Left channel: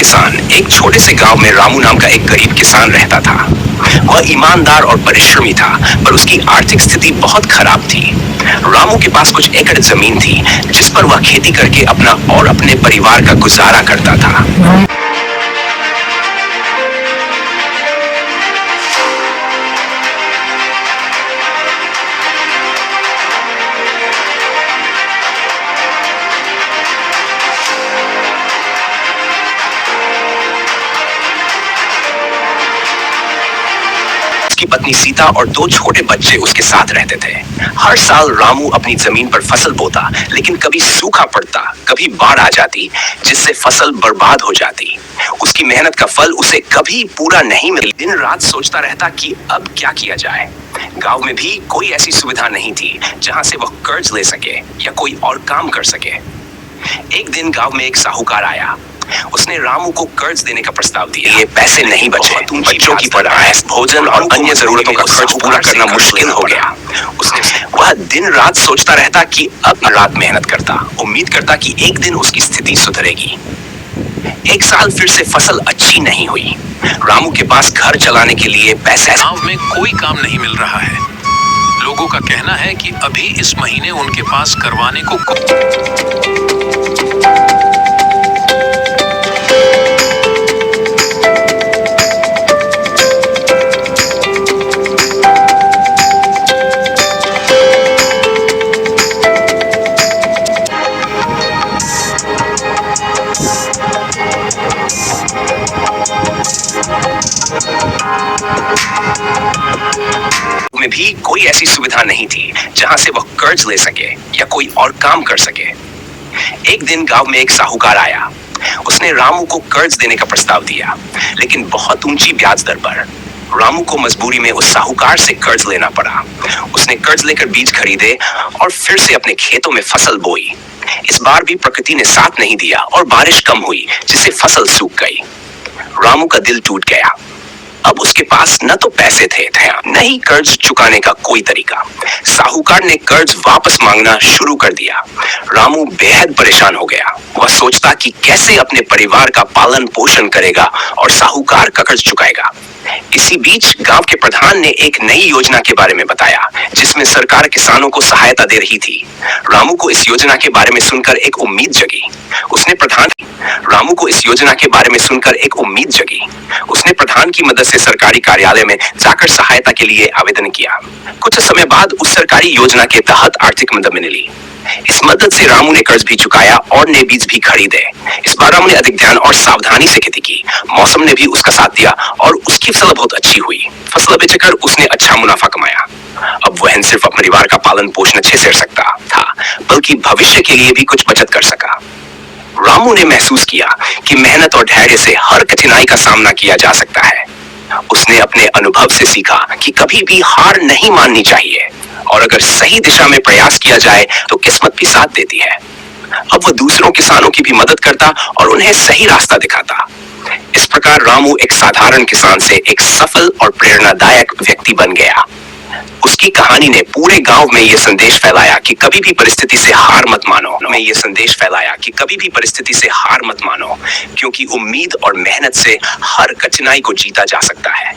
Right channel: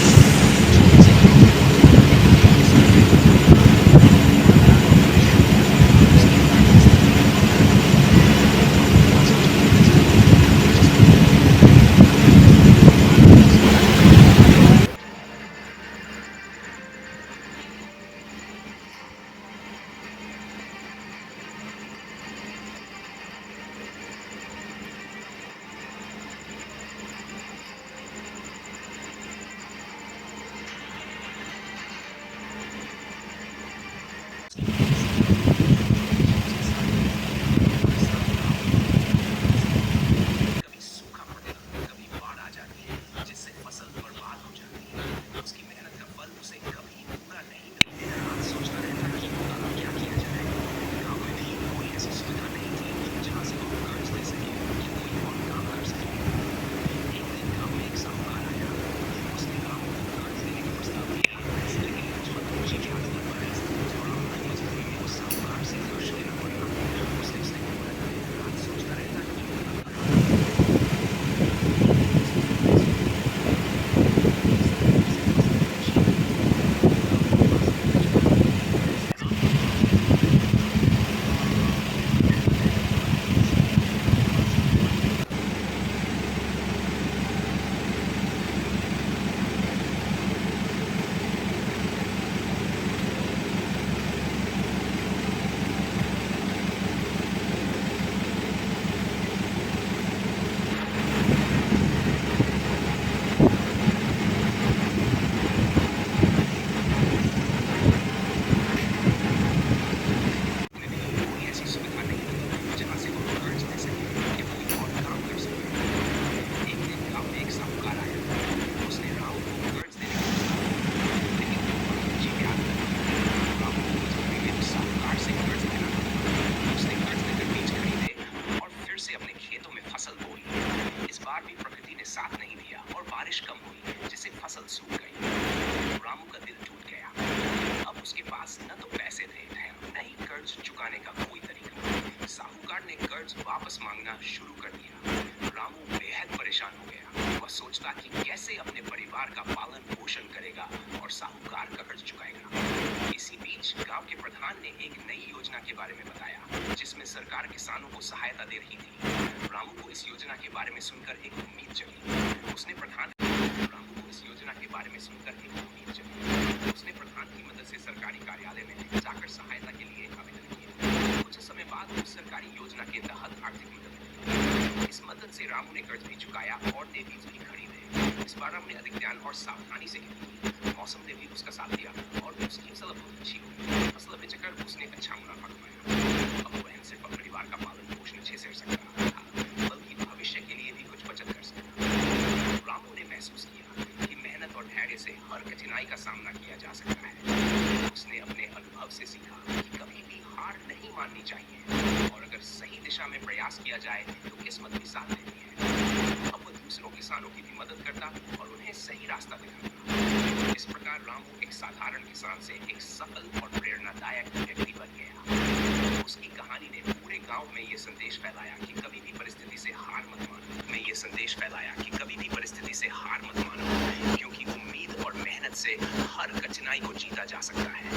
किसान। एक छोटे से गांव में रामू नाम का एक गरीब किसान रहता था। वह ईमानदार और परिश्रमी था, पर उसकी आर्थिक स्थिति बहुत खराब थी। रामू के पास कुछ एकड़ जमीन थी, जिस पर वह खेती करके अपना और अपने परिवार का गुजारा करता था। उसकी पत्नी सीता और 2 छोटे बच्चे उसके साथ रहते थे। हर साल रामू अपनी जमीन पर फसल बोता, लेकिन कभी सूखा पड़ता, कभी बाढ़ आ जाती, जिससे फसल बर्बाद हो जाती। उसकी मेहनत का फल उसे कभी पूरा नहीं मिला। दिन रात सोचता रहता कि अब क्या किया जाए। गांव में भी कोई ऐसी सुविधा नहीं थी जहां से वह कर्ज ले सके या कोई और काम कर सके। एक दिन गांव में एक साहूकार आया। उसने रामू को कर्ज देने का प्रस्ताव दिया। ये पैसे नहीं बचे, बच्चों की पढ़ाई, भोजन और अन्य जरूरतों का खर्च पूरा करना मुश्किल हो गया। वह दिन रात सोचता रहता कि अब रात मेहनत करता, उम्मीद करता कि एक दिन उसकी स्थिति सुधरेगी। एक साल फिर से फसल अच्छी नहीं हुई। रामू के पास घर चलाने के लिए पैसे। गांव में कोई काम नहीं मिल रहा है। लोगों का कहना है कि अभी इस महीने उनके पास करवाने को में भी कोई ऐसी सुविधा नहीं थी जहां से वह कर्ज ले सके या कोई और काम कर सके। एक दिन गांव में एक साहूकार आया। उसने रामू को कर्ज देने का प्रस्ताव दिया, लेकिन बहुत ऊंची ब्याज दर पर। रामू को मजबूरी में उस साहूकार से कर्ज लेना पड़ा। उसने कर्ज लेकर बीज खरीदे और फिर से अपने खेतों में फसल बोई। इस बार भी प्रकृति ने साथ नहीं दिया और बारिश कम हुई, जिससे फसल सूख गई। रामू का दिल टूट गया। अब उसके पास न तो पैसे थे, न ही कर्ज चुकाने का कोई तरीका। साहूकार ने कर्ज वापस मांगना शुरू कर दिया। रामू बेहद परेशान हो गया। वह सोचता कि कैसे अपने परिवार का पालन पोषण करेगा और साहूकार का कर्ज चुकाएगा। इसी बीच गांव के प्रधान ने एक नई योजना के बारे में बताया, जिसमें सरकार किसानों को सहायता दे रही थी। रामू को इस योजना के बारे में सुनकर एक उम्मीद जगी। उसने प्रधान की मदद से सरकारी कार्यालय में जाकर सहायता के लिए आवेदन किया। कुछ समय बाद उस सरकारी योजना के तहत आर्थिक मदद मिली। इस मदद से रामू ने कर्ज भी चुकाया और नए बीज भी खरीदे। इस बार रामू ने अधिक ध्यान और सावधानी से खेती की। मौसम ने भी उसका साथ दिया और उसकी फसल बहुत अच्छी हुई। फसल बेचकर उसने अच्छा मुनाफा कमाया। अब वह न सिर्फ अपने परिवार का पालन पोषण अच्छे से कर सकता था, बल्कि भविष्य के लिए भी कुछ बचत कर सका। रामू ने महसूस किया कि मेहनत और धैर्य से हर कठिनाई का सामना किया जा सकता है। उसने अपने अनुभव से सीखा कि कभी भी हार नहीं माननी चाहिए और अगर सही दिशा में प्रयास किया जाए तो किस्मत भी साथ देती है। अब वह दूसरों किसानों की भी मदद करता और उन्हें सही रास्ता दिखाता। इस प्रकार रामू एक साधारण किसान से एक सफल और प्रेरणादायक व्यक्ति बन गया। उसकी कहानी ने पूरे गांव में यह संदेश फैलाया कि कभी भी परिस्थिति से हार मत मानो, क्योंकि उम्मीद और मेहनत से हर कठिनाई को जीता जा सकता है।